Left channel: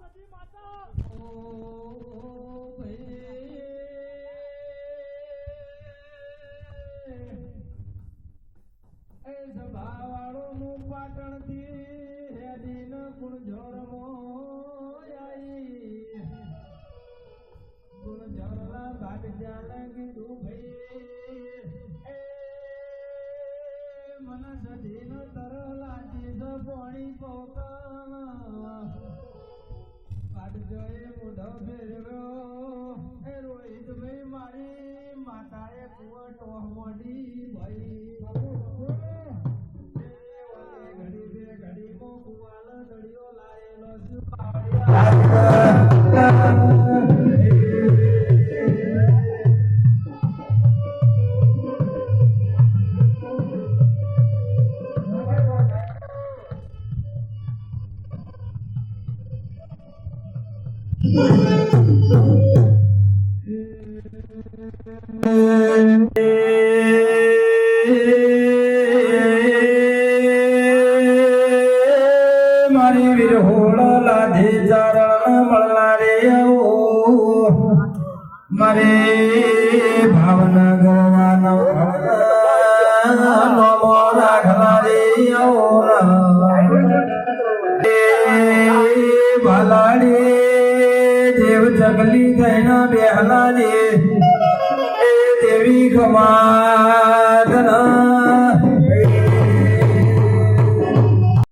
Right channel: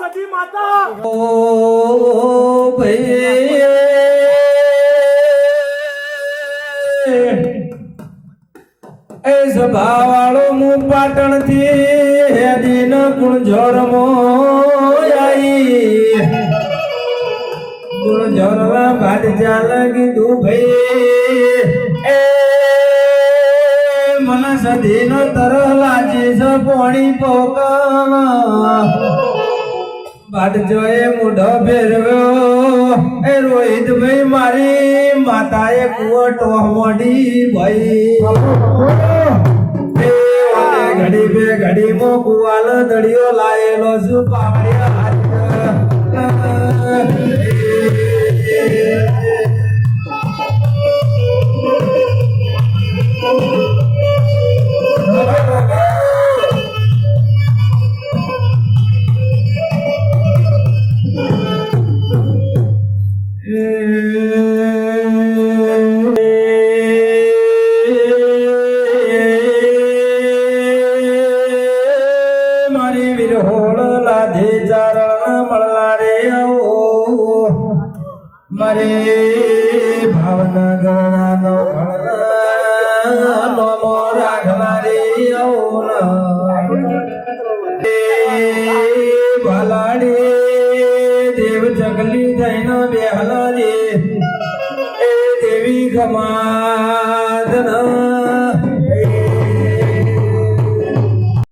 સતી માતા ઓ ભાઈ એ સભાવાળો હું પાટણ થી હેદીન ગુણઝોર મોયાઈ ગુણઝોરમાં ભાટ ચાલ કીધું ભાઈ એ મને સધીનો તર લાજી છે પોણી પોકવા ભાટ જોએ મુઢો ફેરવ્યો એ રોહિત ભાઈ મારી માતાએ કુવો ટોહ મોડી ભાઈ ઘડી બે ઘડી મો કુવાલ દડિયો લાયેલો છું પાવડિયા મારી વિરહોળ લાધે ચારણ મળલા રે મારે ભાવનગર નમો રાખલા રે ભલાડે દેવ જગલી થઈને બેહલા રે એ દેવી ખમા